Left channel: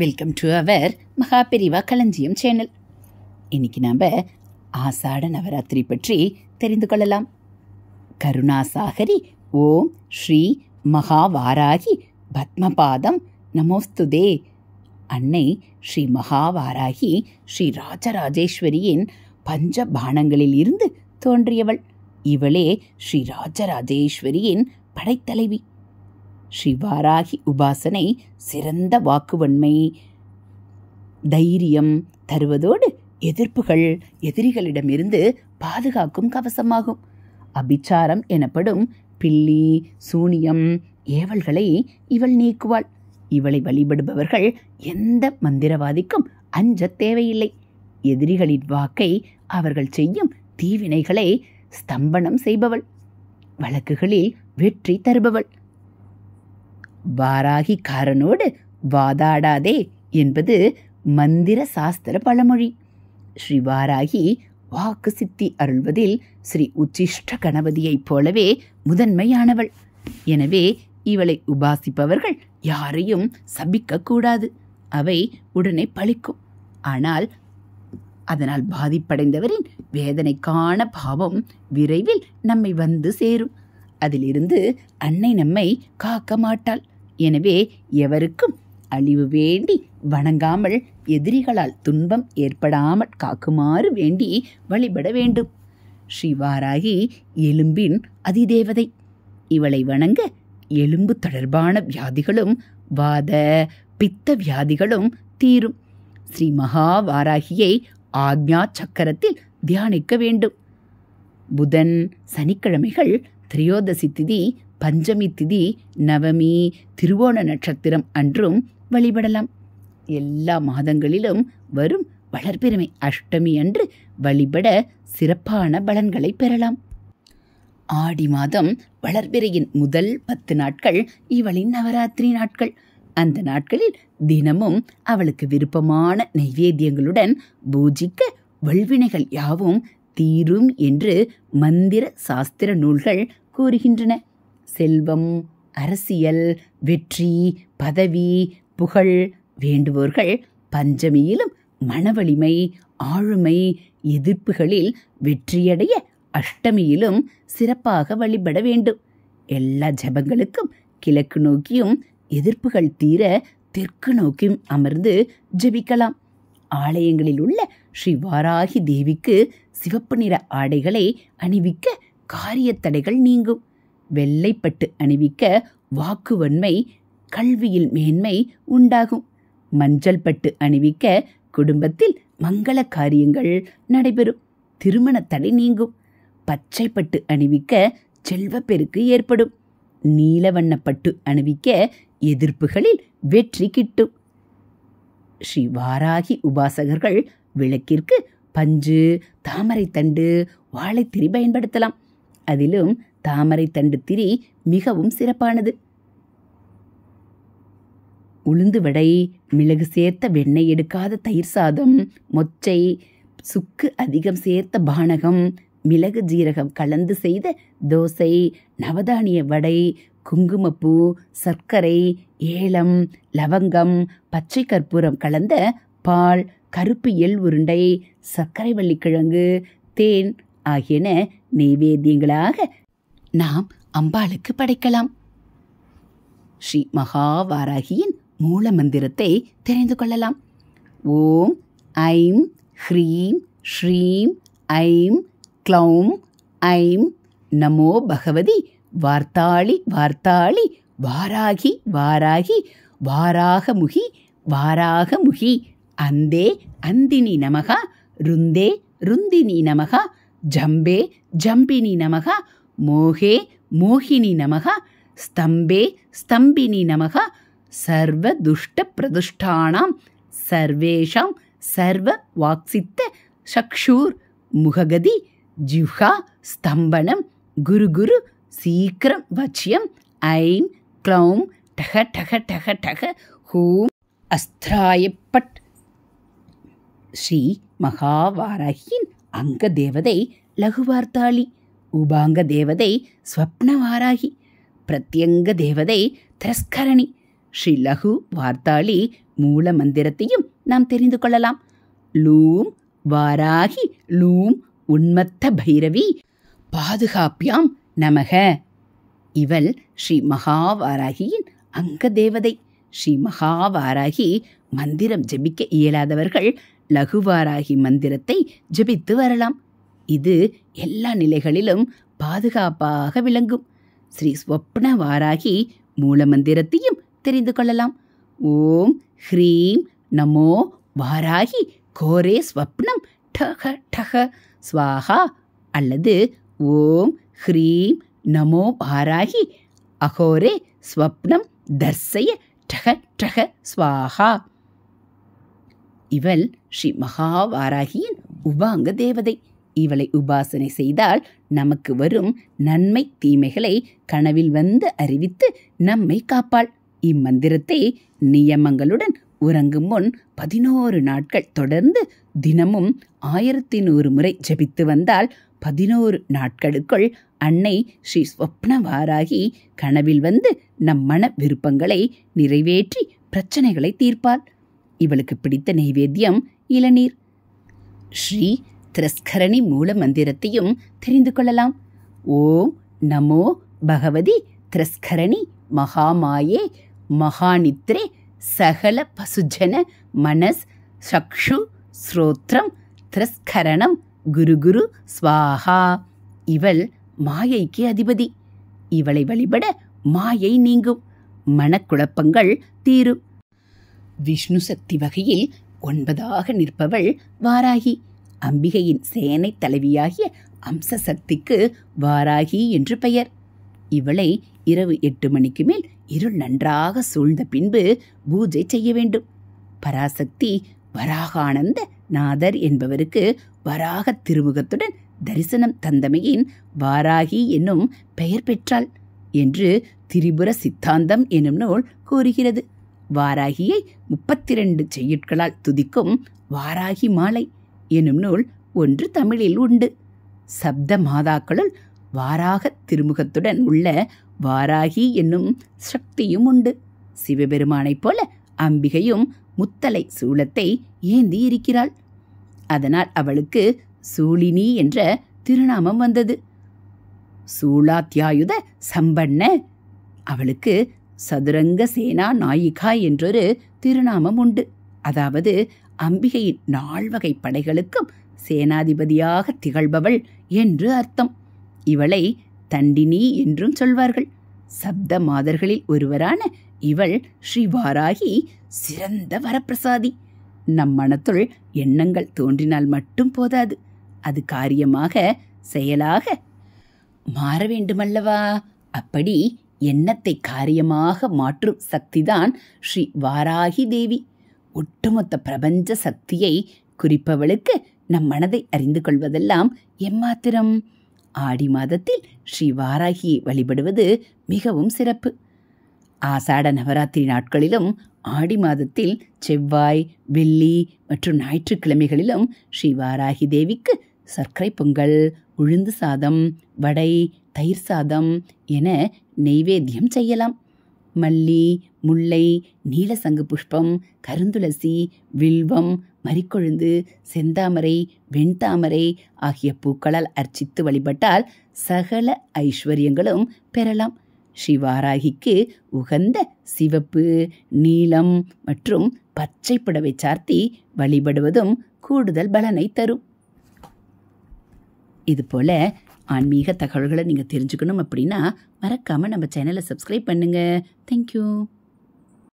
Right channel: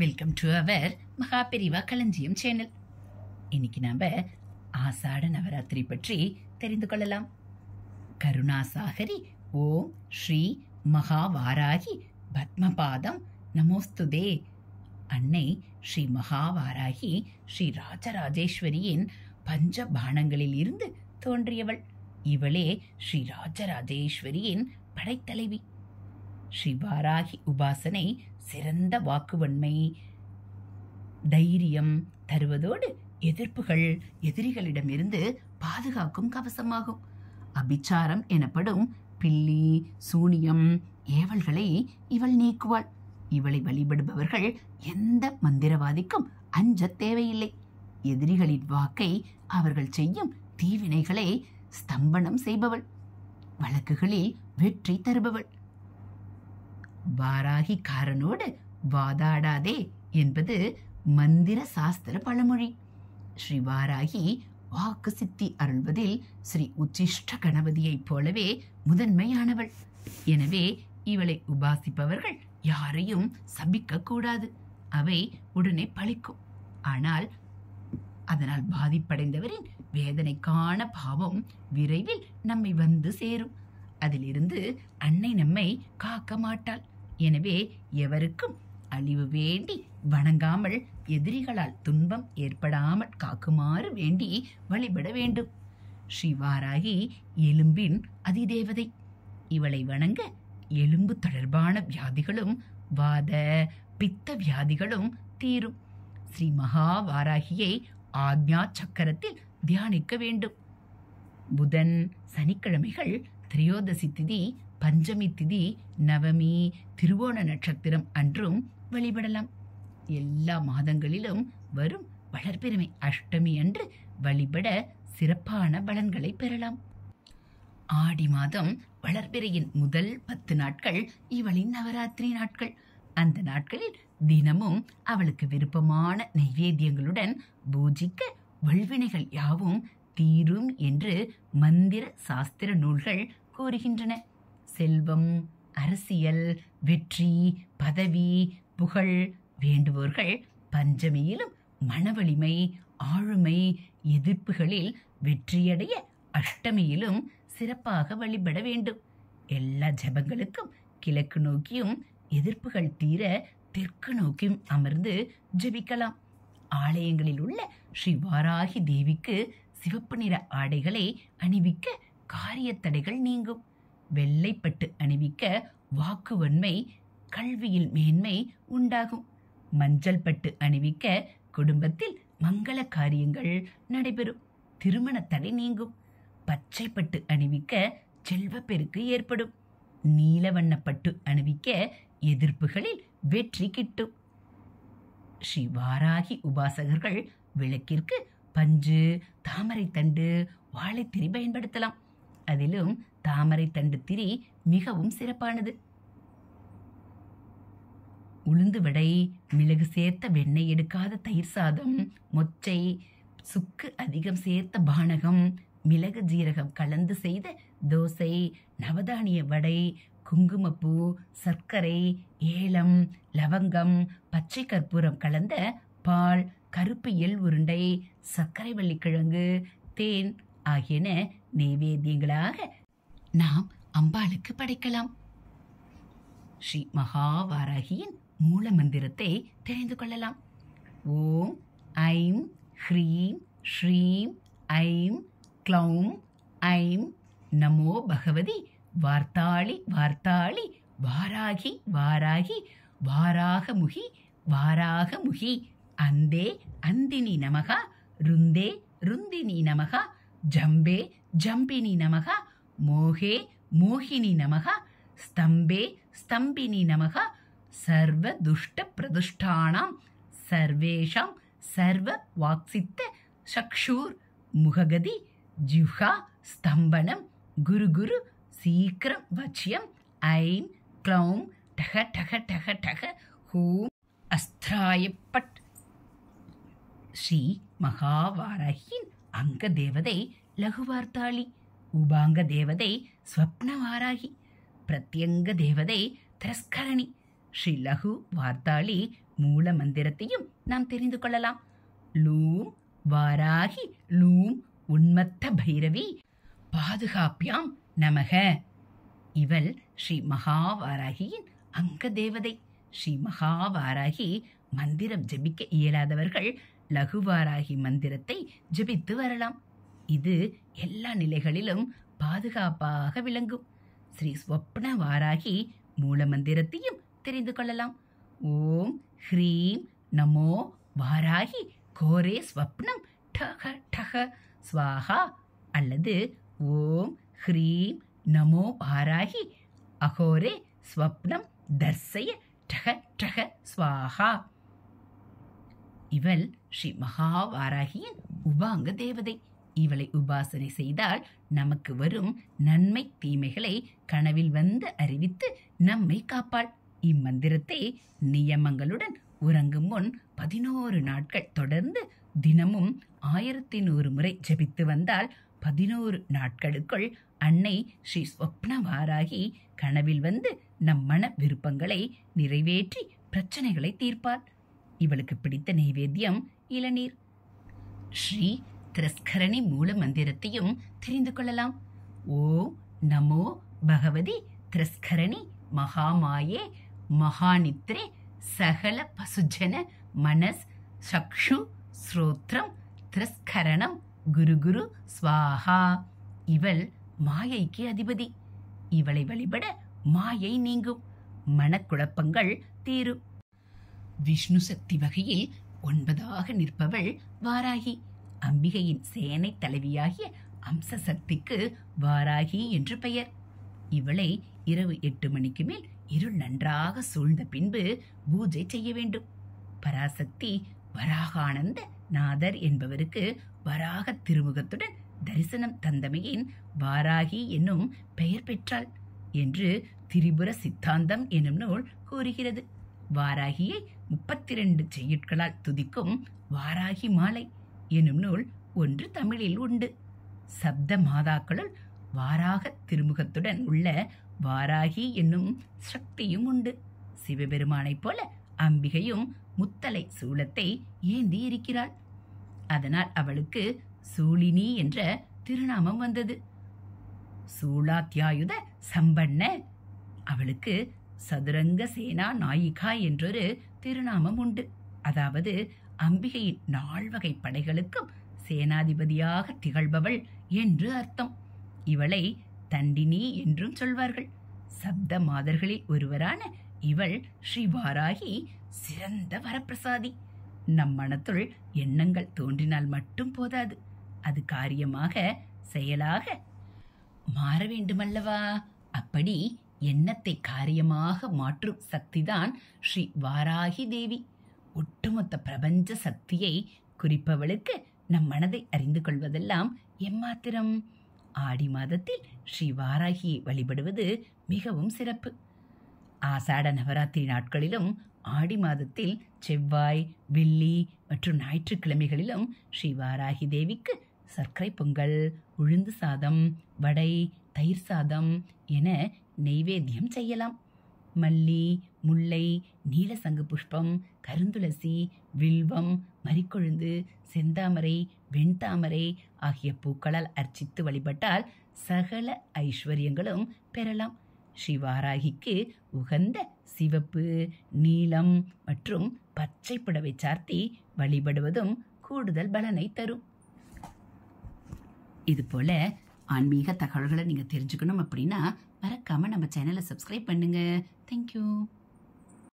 Welcome to our Maha Periyava களஞ்சியம் channel. இன்னைக்கு நாம் ஆசாட நவராத்திரி பற்றி தெரிந்து கொள்ளலாம். கருணாசாகரி ஓம் ஸ்ரீ மகாவாராகி பத்மபாதம் நமோஸ்துதே. அன்னை ஸ்ரீ மகாவாராகி ஸ்ரீ ராஜராஜேஸ்வரியின் பஞ்ச பானங்களில் இருந்து தோன்றியவள். இவளே ஸ்ரீ ராஜராஜேஸ்வரியின் படைத்தலைவி. ஸ்ரீ வாராகி உபாசனை சிறந்த வாக்குவன்மை, தைரியம் தருவதோடு எதிரிகளிடமிருந்து பாதுகாக்கும் கவசமாகும். அபிச்சாரம் எனப்படும் பில்லி, சூனியம், ஏவல்களை இவள் நீக்குவாள். இவளை வழிபடுபவர்கள் எந்த மந்திரவாதிக்கும் அஞ்ச தேவையில்லை. எதிரிகளின் வாக்கை அவர்கள் செய்யும் தீவினைகளை ஸ்தம்பனம் செய்பவள். வழக்குகளில் வெற்றி தருபவள். வாராகிக்காரனோடு வாதாடாதே என்பது மந்திர சாஸ்திர பழமொழி. ஸ்ரீ வாராகி வாக்கு சித்தி அருள்வதில் ஸ்ரீ உச்சிஷ்ட கணபதியைப் போலவே முதன்மையானவள். எனவே இவளை உபாசிப்பவர்கள் யாரையும் சபிக்கக்கூடாது. அவை உடனே பலிக்கும். ஆனால் அதனால் பாதிப்படைந்தவரின் வேதனைக்கான பாவம் விரைவில் நம்மை வந்து சேரும். அதிலிருந்து அன்னை நம்மை காக்க மாட்டாள். எனவே எவருக்கும் அழிவு வேண்டி வணங்காமல் எதிரிகளால் துன்பம் ஏற்படாமல் காக்குமாறு வேண்டி வழிபட வேண்டும். ஸ்ரீவாராகி எலும்பின் அதிதேவதை. இவளை வணங்க எலும்பு தொடர்பான வியாதிகளும் வாத பித்த வியாதிகளும் தீரும். ஸ்ரீ மகாவாராகியை ஆக்ஞா சக்கரத்தில் தியானிக்க வேண்டும். புதன், சனிக்கிழமைகள், திரையோதசி திதி, பஞ்சமி திதி, நவமி, திருவோண நட்சத்திரம் அன்றும் வழிபடலாம். எல்லா மாதங்களிலும் வரும் வளர்பிறை அஷ்டமி அன்று வழிபட சிறப்பான பலன்களை பெறலாம். ஆடி மாதம் வளர்பிறையின் முதல் 10 நாட்கள் இவளின் நவராத்திரி நாட்கள். அந்த நாட்களில் தினமும் அவளுக்கு விருப்பமான நைவேத்தியங்களுடன் பூஜிக்க வல்வினைகள் யாவும் தீரும் என்று மந்திர சாஸ்திர நூல்கள் கூறுகின்றன. செல்வம், அரசியல், வெற்றி, பதவி, புகழ் வேண்டுவோர்கள் பஞ்சமியிலும் மனவலிமை, ஆளுமை, எதிர்ப்புகளில் வெற்றியடைய அஷ்டமியிலும் சிறப்பாக வழிபட வேண்டும். எல்லா ஜபங்களுக்கும் கிழக்கு நோக்கியும், எதிர்ப்புகள் தீர தெற்கு நோக்கியும் அமர்ந்து ஜபிக்கலாம். ஆலயங்களில் உள்ள ஸ்ரீ வாராகி தேவிக்கு சிவப்பு நிற ஆடைகளை அணிவிக்க காரியத்தடைகள் நீங்கும். வெள்ளைப்பட்டு அணிவிக்க வாக்குவன்மை, கல்வியில் மேன்மை உண்டாகும். மஞ்சள் பட்டு அணிவிக்க குடும்பத்தில் மங்கள காரியங்கள் நடைபெறும். திருமண தடை நீங்கும். பச்சை பட்டு அணிவிக்க செல்வப்பெருக்கு ஏற்படும். நீலவண்ணப்பட்டு அணிவிக்க எதிர்ப்புகளில் வெற்றி கிட்டும். ஸ்ரீ வாராகி உபாசகர்கள் விளக்கிற்கு பஞ்சு, தாமரை தண்டு, வாழைத்திரி பயன்படுத்தலாம். அதிலும் தாமரை தண்டு திரி மிகவும் சிறப்பானது. உளுந்து வடை, மிளகு சேர்த்த வெண்ணெய் எடுக்காத தயிர் சாதம், மொச்சை, சுக்கு அதிகம் சேர்த்த பானகம், மிளகு ஜீரகம் கலந்து செய்த தோசை, நவதானிய வடை, குங்குமப்பூ, சர்க்கரை, ஏலம், லவங்கம், பச்சை கற்பூரம் கலந்த பால், கருப்பு எள் உருண்டை, சர்க்கரை வள்ளிக்கிழங்கு, தேன் ஆகியன நைவேத்தியங்களாக நாம் அம்பாளுக்கு படைக்கலாம். ஸ்ரீ மகாவாராகியின் மூல மந்திரத்தை தெரிந்து கொள்ளலாம். ஓம் ஐம் ஹ்ரீம் ஸ்ரீம் ஐம் க்ளௌம் ஐம் நமோ பகவதி வார்த்தாளி வார்த்தாளி வாராகி வாராகி வாராகமுகி வாராகமுகி அந்தே அந்தினி நமகா ருந்தே ருந்தினி நமகா ஜம்பே ஜம்பினி நமகா மோகே மோகினி நமகா ஸ்தம்பே ஸ்தம்பினி நமகா சர்வ துஷ்ட பிரதுஷ்டானாம் சர்வேஷாம் சர்வ வாக்சித்த சக்ஷூர் முககதி ஜிஹ்வா ஸ்தம்பனம் குரு குரு சீக்கிரம் வச்சியம் ஐம் க்ளௌம் டக டக டக டக ஹூம் அஸ்திராயப்பட். ஸ்ரீ மகாவாராகியின் அங்க தேவதை லகுவார்த்தாளி, உபாங்க தேவதை ஸ்வப்னவாராகி, பிரத்யங்க தேவதை திரஸ்கரணி, ஸ்ரீ லகு வார்த்தாளி மூல மந்திரத்தையும் நாம் தெரிந்து கொள்ளலாம். லூம் வாராகி லூம் உன்மத்த பைரவி பாதுகாப்பியாம் நமக. இவள் ஸ்ரீ மகாவாராகியின் அங்க தேவதை. ஸ்ரீ மகாவாராகி மந்திரம் ஜபிக்க இயலாதவர்கள் லகுவாராகி மந்திரத்தை ஜபித்து வரலாம். இது எல்லா நிலைகளிலும் பாதுகாப்பாக விளங்கும். ஸ்ரீ ஸ்வப்ன வாராகி மூல மந்திரத்தையும் தெரிந்து கொள்ளலாம். ஓம் ஹ்ரீம் நமோ வாராகி கோரே ஸ்வப்னம் டக டக ஸ்வாஹா அல்லது ஓம் ஹ்ரீம் நமோ வாராகி அகோரே ஸ்வப்னம் தர்சய டக டக ஸ்வாஹா. இவள் ஸ்ரீ மகாவாராகியின் உபாங்க தேவதை. இவளை உபாசனை செய்தால் நமக்கு வரும் நன்மை தீமைகளை கனவில் வந்து அறிவித்து நம்மை காப்பாள். இம்மந்திரத்தை நியமங்களுடன் உறங்கும் முன் 11 நாட்கள் தொடர்ந்து தினமும் 1100 முறை ஜபித்து வந்தால் 11 நாட்களுக்குள் அன்னை ஸ்ரீ ஸ்வப்னவாராகி கனவில் வந்து நம் மன விருப்பங்களை நிறைவேற்றி பிரச்சனைகளை தீர்ப்பாள். இவளுக்கு பிடித்த நைவேத்தியம் இளநீர். ஸ்ரீ திரஸ்கரணி மூல மந்திரத்தையும் தெரிந்து கொள்ளலாம். ஓம் நமோ பகவதி திரஸ்கரணி மகாமாயே மகாநித்ரே சகல பசுஜன மனஸ் சக்ஷு ஸ்ரோத்ரம் திரஸ்கரணம் குரு குரு ஸ்வாஹா. இவள் மாயைக்கு அதிபதி. இவளை வழிபட மாயை நீங்கும், மனக்குழப்பங்கள் தீரும். விஷ்ணு சக்தி வகையில் 9ஆக நிற்பவள் வாராகி. அம்பிகையின் சேனை தலைவியாகிய அம்ச சக்திக்கு வாராகி என்று பெயர். இவளை இரவு 8 மணிக்கு மேல் இருள் நன்றாக சூழ்ந்த பின்பு பூஜை செய்ய வேண்டும். பராசக்தி வராகானந்த நாதர் என்பவருக்கு வராக திருமுகத்துடன் தரிசனம் தந்தமையின் வாராகி என்னும் பெயர் பெற்றாள் என்று திரிபுர சித்தாந்தம் எனும் நூல் கூறுகிறது. வாராகியை 32 செய்யுட்களால் துதிக்கும் வாராகி மாலை எனும் நூல் ஒன்று தமிழில் உண்டு. சப்த மாதாக்களுள் வாராக திருமுகத்துடன் உள்ள வாராகி என்னும் சக்தியும் உண்டு. சிவபெருமானைப் போல அம்பிகையும் முத்தலை சூலத்தை ஏந்தி இருக்கிறாள். அதனால் அவளுக்கு சூலினி என்ற திருநாமம் வந்தது. சூலாத்யாயுத சம்பன்ன. அவளுக்கு சதுரங்க சேனா நாயிகா என்றொரு திருநாமம் உண்டு. அதாவது அம்பிகையின் 4 வகை படைகளுக்கும் சேனாதிபதியாக திகழ்பவள் என்று அர்த்தம். இவளை தண்டினி என்றும் சொல்வார்கள். சப்த மாதர்களில் ஒருவரான இவள் ஸ்ரீ வாராகி சிறந்த வரப்பிரசாதி. நம் மனத்துள் எண்ணங்கள் தோன்றினால் மட்டும் போதாது, அது காரியமாக செயலாக மாற வேண்டுமல்லவா? அப்படி எண்ணத்தை காரியமாக மாற்றும் சக்திதான் ஸ்ரீ வாராகி தேவி. ஒட்டுமொத்த பிரபஞ்ச சக்தியை குறிப்பவளுக்கு நம் மனதை அறிந்து கொள்வதெல்லாம் எம்மாத்திரம்? ஆடி மாதத்தில் ஸ்ரீ வாராகியை வழிபடுவது மிகவும் சிறப்பு. ஆசாட நவராத்திரி நாட்களிலும் ஆடி மாதத்தில் செவ்வாய், வெள்ளி மற்றும் ஞாயிற்றுக்கிழமைகளிலும் ஸ்ரீ வாராகி தேவிக்கு சர்க்கரை பொங்கல், உளுந்து சாதம், வடை, தயிர் சாதம் என நெய்வேத்தியம் செய்யலாம். மல்லி, முல்லை, நீலசங்கு புஷ்பம், கருந்துளசி, வில்வம், மரிக்கொழுந்து, செந்தாமரை, வெண்தாமரை ஆகிய பூக்களால் அர்ச்சித்து வழிபட்டால் சகல ஐஸ்வர்யங்களும் பெறலாம். ஸ்ரீ வாராகிக்கு உகந்த சிவப்பு, நீலம் மற்றும் பச்சை புடவை சார்த்தி வழிபடுவதும் கூடுதல் பலனை தரும். இதுபோல் ஆன்மீக தகவல்களை நீங்கள் தெரிஞ்சுக்கணும் அப்படின்னா மறக்காமல் நம்ம சேனலை சப்ஸ்கிரைப் பண்ணுங்கள். தேங்க்யூ.